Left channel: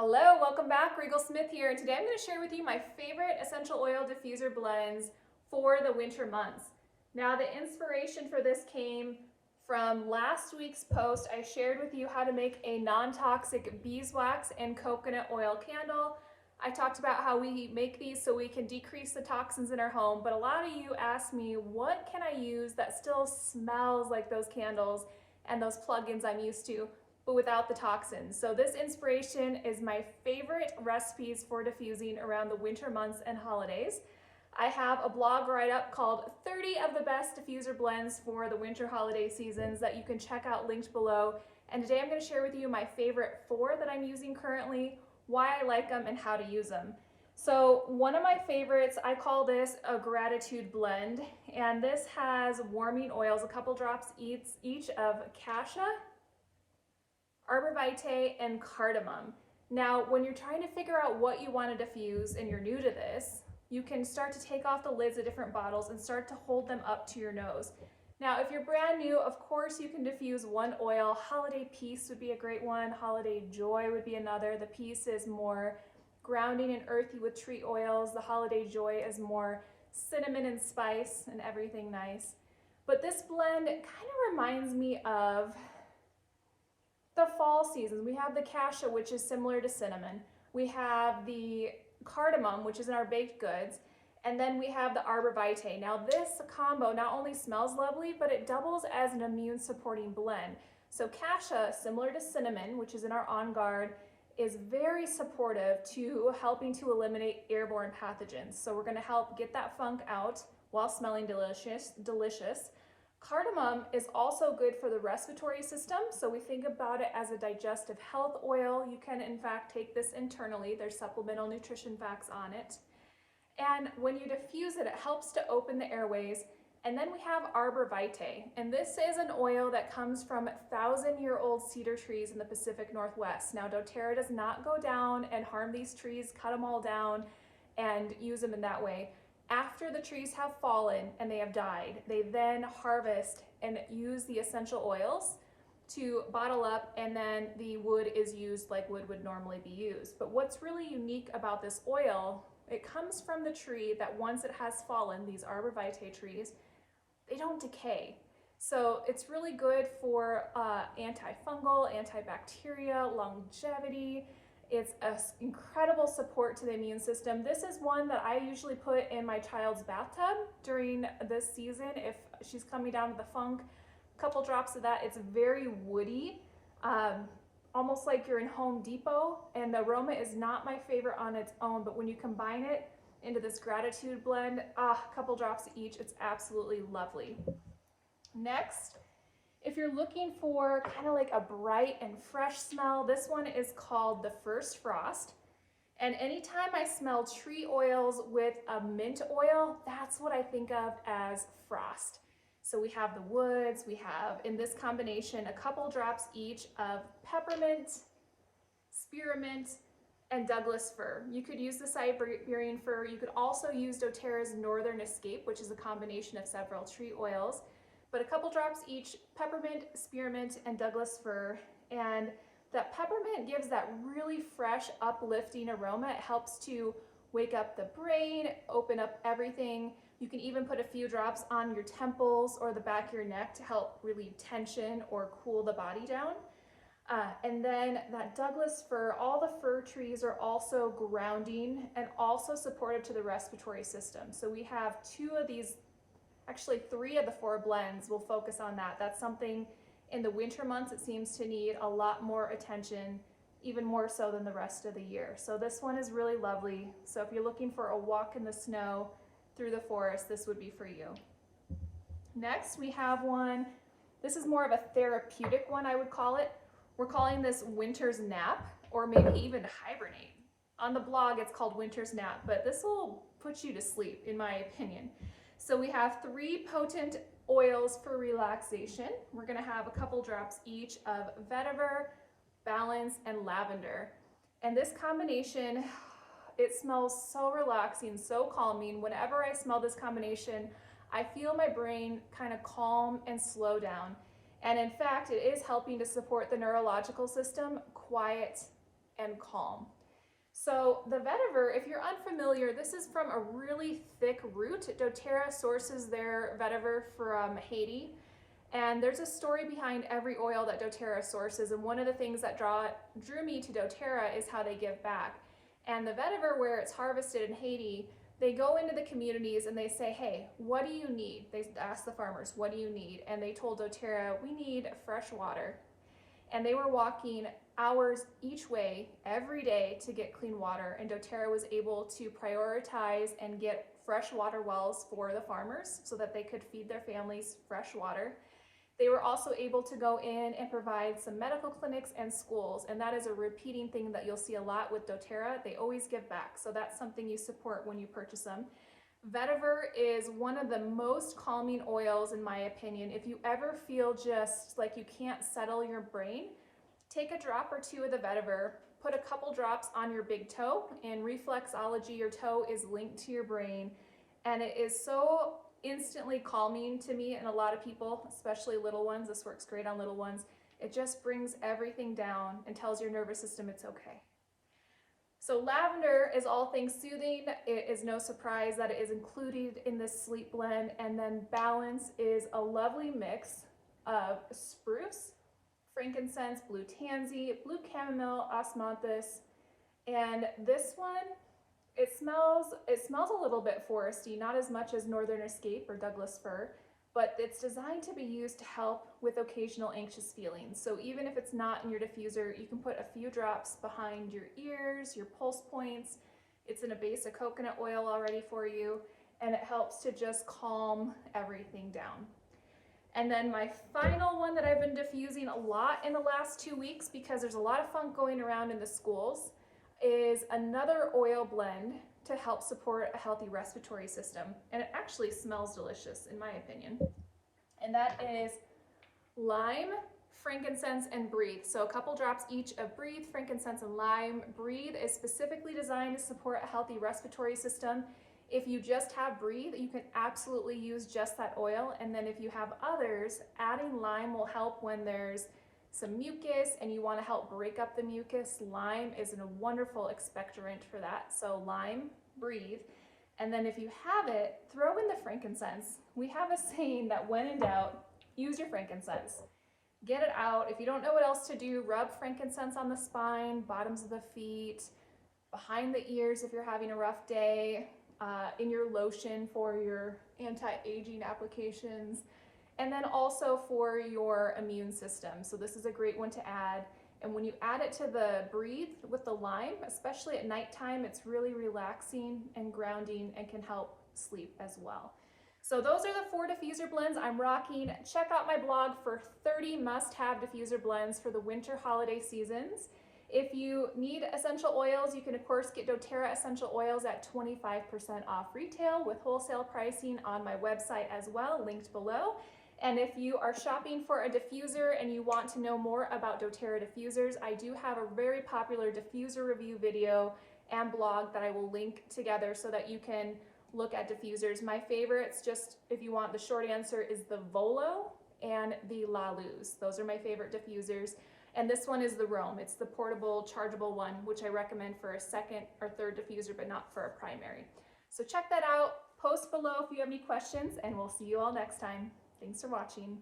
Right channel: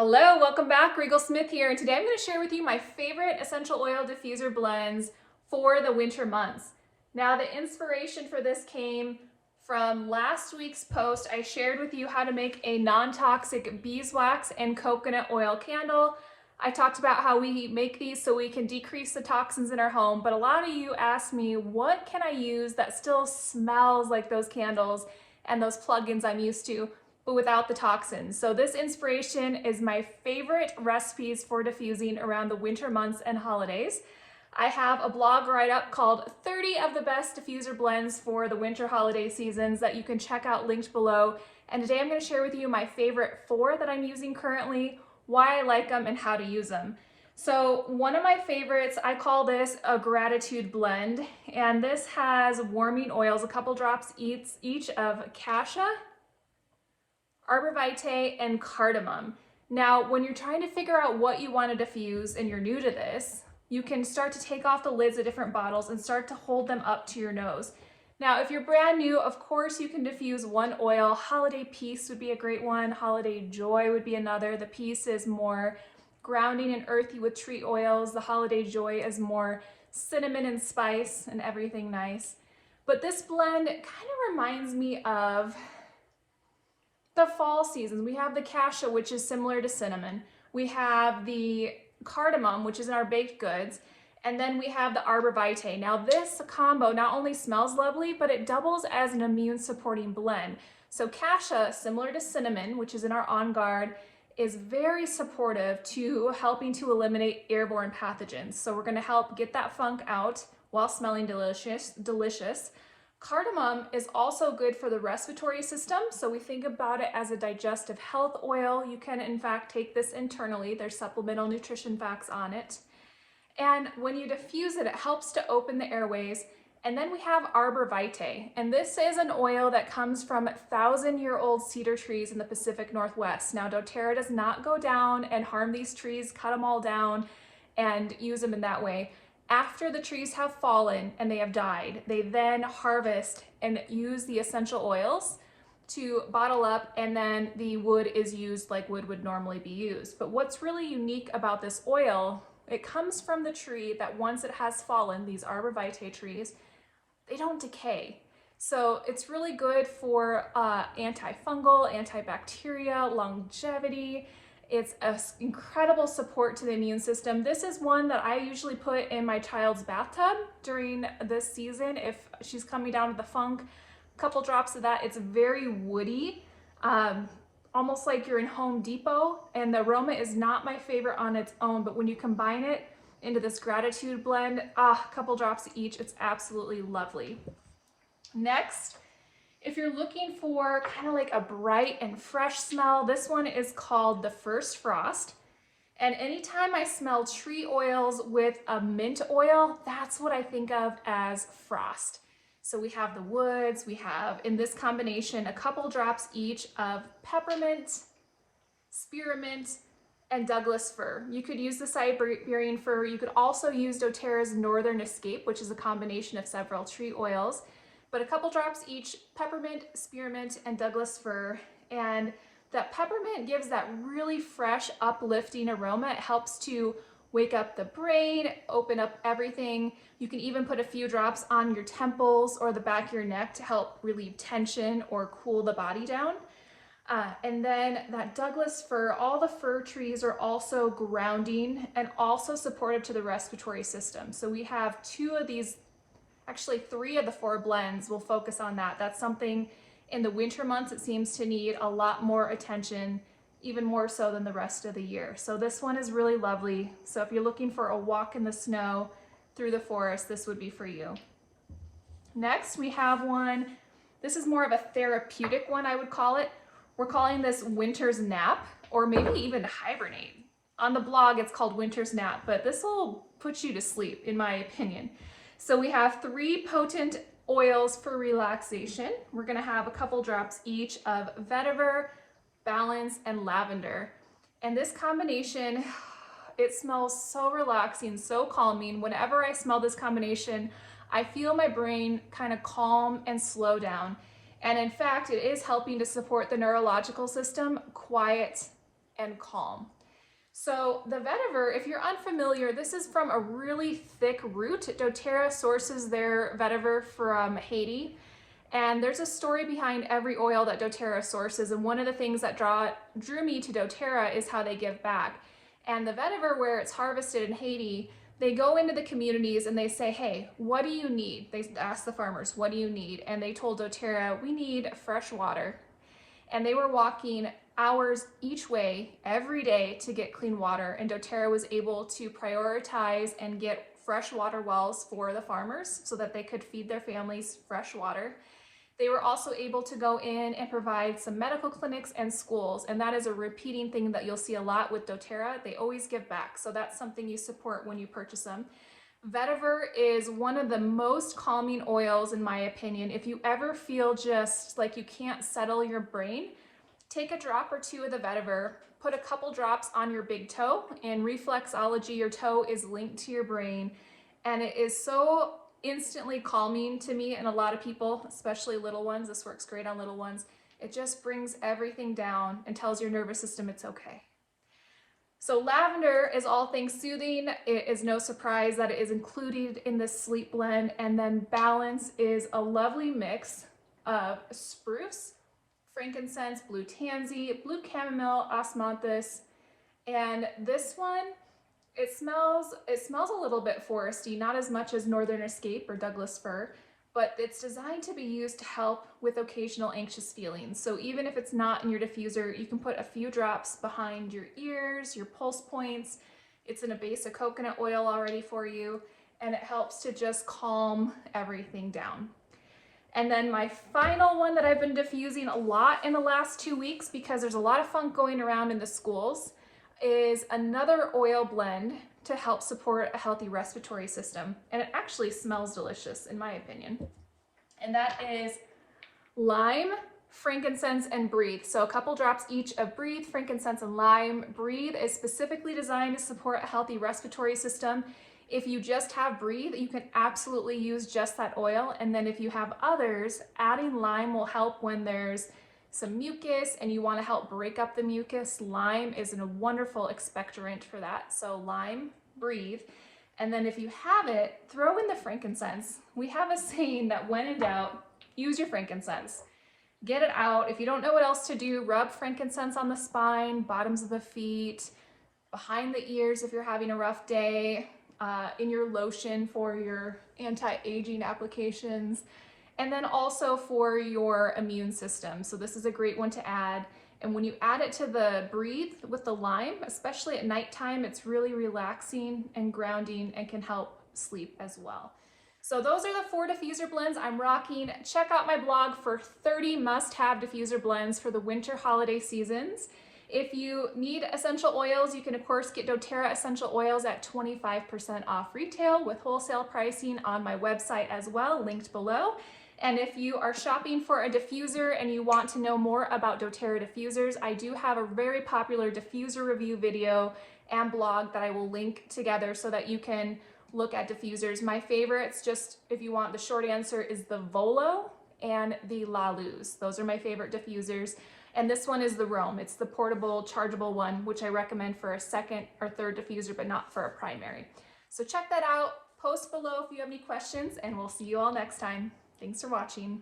Hello, welcome back. Rigel Smith here, and today I'm going to share with you my favorite essential oil diffuser blends for the winter months. Now, the inspiration for this came from last week's post. I shared with you how to make a non-toxic beeswax and coconut oil candle. I talked about how we make these so we can decrease the toxins in our home, but a lot of you asked me, what can I use that still smells like those candles and those plugins I'm used to, but without the toxins? So this inspiration is my favorite recipes for diffusing around the winter months and holidays. I have a blog write-up called 30 of the best diffuser blends for the winter holiday seasons that you can check out linked below. And today I'm going to share with you my favorite 4 that I'm using currently, why I like them, and how to use them. So one of my favorites, I call this a gratitude blend, and this has warming oils, a couple drops each of cassia, arbor vitae, and cardamom. Now, when you're trying to figure out what you want to diffuse and you're new to this, you can start to take off the lids of different bottles and start to hold them up to your nose. Now, if you're brand new, of course, you can diffuse one oil. Holiday Peace would be a great one. Holiday Joy would be another. The Peace is more grounding and earthy with tree oils. The Holiday Joy is more cinnamon and spice and everything nice. But this blend kind of reminds me of the fall seasons. We have the cassia, which is similar to cinnamon. We have the cardamom, which is in our baked goods. And then we have the arbor vitae. Now this combo not only smells lovely, but it doubles as an immune supporting blend. So cassia, similar to cinnamon, which is in our On Guard, is very supportive to helping to eliminate airborne pathogens. So we're gonna help get that funk out while smelling delicious. Cardamom is also good for the respiratory system. So we think about it as a digestive health oil. You can in fact take this internally. There's supplemental nutrition facts on it. And when you diffuse it, it helps to open the airways. And then we have arbor vitae. And this is an oil that comes from 1,000-year-old cedar trees in the Pacific Northwest. Now, doTERRA does not go down and harm these trees, cut them all down, and use them in that way. After the trees have fallen and they have died, they then harvest and use the essential oils to bottle up, and then the wood is used like wood would normally be used. But what's really unique about this oil, it comes from the tree that once it has fallen, these arbor vitae trees, they don't decay. So it's really good for antifungal, antibacterial, longevity. It's an incredible support to the immune system. This is one that I usually put in my child's bathtub during this season if she's coming down with the funk. A couple drops of that. It's very woody, almost like you're in Home Depot, and the aroma is not my favorite on its own, but when you combine it into this gratitude blend, a couple drops each, it's absolutely lovely. Next, if you're looking for kind of like a bright and fresh smell, this one is called the First Frost. And anytime I smell tree oils with a mint oil, that's what I think of as frost. So we have the woods, we have in this combination a couple drops each of peppermint, spearmint, and Douglas fir. You could use the Siberian fir. You could also use doTERRA's Northern Escape, which is a combination of several tree oils. But a couple drops each, peppermint, spearmint, and Douglas fir. And that peppermint gives that really fresh, uplifting aroma. It helps to wake up the brain, open up everything. You can even put a few drops on your temples or the back of your neck to help relieve tension or cool the body down. And then that Douglas fir, all the fir trees are also grounding and also supportive to the respiratory system. So we have 2 of these, actually 3 of the 4 blends will focus on that. That's something in the winter months it seems to need a lot more attention, even more so than the rest of the year. So this one is really lovely. So if you're looking for a walk in the snow through the forest, this would be for you. Next, we have one. This is more of a therapeutic one, I would call it. We're calling this Winter's Nap, or maybe even Hibernate. On the blog, it's called Winter's Nap, but this will put you to sleep, in my opinion. So we have 3 potent oils for relaxation. We're gonna have a couple drops each of vetiver, balance, and lavender. And this combination, it smells so relaxing, so calming. Whenever I smell this combination, I feel my brain kind of calm and slow down. And in fact, it is helping to support the neurological system, quiet and calm. So the vetiver, if you're unfamiliar, this is from a really thick root. doTERRA sources their vetiver from Haiti. And there's a story behind every oil that doTERRA sources. And one of the things that drew me to doTERRA is how they give back. And the vetiver, where it's harvested in Haiti, they go into the communities and they say, hey, what do you need? They ask the farmers, what do you need? And they told doTERRA, we need fresh water. And they were walking hours each way every day to get clean water. And doTERRA was able to prioritize and get fresh water wells for the farmers so that they could feed their families fresh water. They were also able to go in and provide some medical clinics and schools, and that is a repeating thing that you'll see a lot with doTERRA. They always give back, so that's something you support when you purchase them. Vetiver is one of the most calming oils in my opinion. If you ever feel just like you can't settle your brain, take a drop or two of the vetiver, put a couple drops on your big toe. In reflexology, your toe is linked to your brain, and it is so instantly calming to me and a lot of people, especially little ones. This works great on little ones. It just brings everything down and tells your nervous system it's okay. So lavender is all things soothing. It is no surprise that it is included in this sleep blend. And then balance is a lovely mix of spruce, frankincense, blue tansy, blue chamomile, osmanthus, and this one, it smells a little bit foresty, not as much as Northern Escape or Douglas fir, but it's designed to be used to help with occasional anxious feelings. So even if it's not in your diffuser, you can put a few drops behind your ears, your pulse points. It's in a base of coconut oil already for you, and it helps to just calm everything down. And then my final one that I've been diffusing a lot in the last 2 weeks, because there's a lot of funk going around in the schools, is another oil blend to help support a healthy respiratory system. And it actually smells delicious in my opinion. And that is lime, frankincense, and breathe. So a couple drops each of breathe, frankincense, and lime. Breathe is specifically designed to support a healthy respiratory system. If you just have breathe, you can absolutely use just that oil. And then if you have others, adding lime will help when there's some mucus and you want to help break up the mucus. Lime is a wonderful expectorant for that. So lime, breathe. And then if you have it, throw in the frankincense. We have a saying that when in doubt, use your frankincense. Get it out. If you don't know what else to do, rub frankincense on the spine, bottoms of the feet, behind the ears if you're having a rough day, in your lotion for your anti-aging applications, and then also for your immune system. So this is a great one to add. And when you add it to the breathe with the lime, especially at nighttime, it's really relaxing and grounding and can help sleep as well. So those are the 4 diffuser blends I'm rocking. Check out my blog for 30 must-have diffuser blends for the winter holiday seasons. If you need essential oils, you can of course get doTERRA essential oils at 25% off retail with wholesale pricing on my website as well, linked below. And if you are shopping for a diffuser and you want to know more about doTERRA diffusers, I do have a very popular diffuser review video and blog that I will link together so that you can look at diffusers. My favorites, just if you want the short answer, is the Volo and the La Luz. Those are my favorite diffusers. And this one is the Rome. It's the portable, chargeable one, which I recommend for a second or third diffuser, but not for a primary. So check that out. Post below if you have any questions, and we'll see you all next time. Thanks for watching.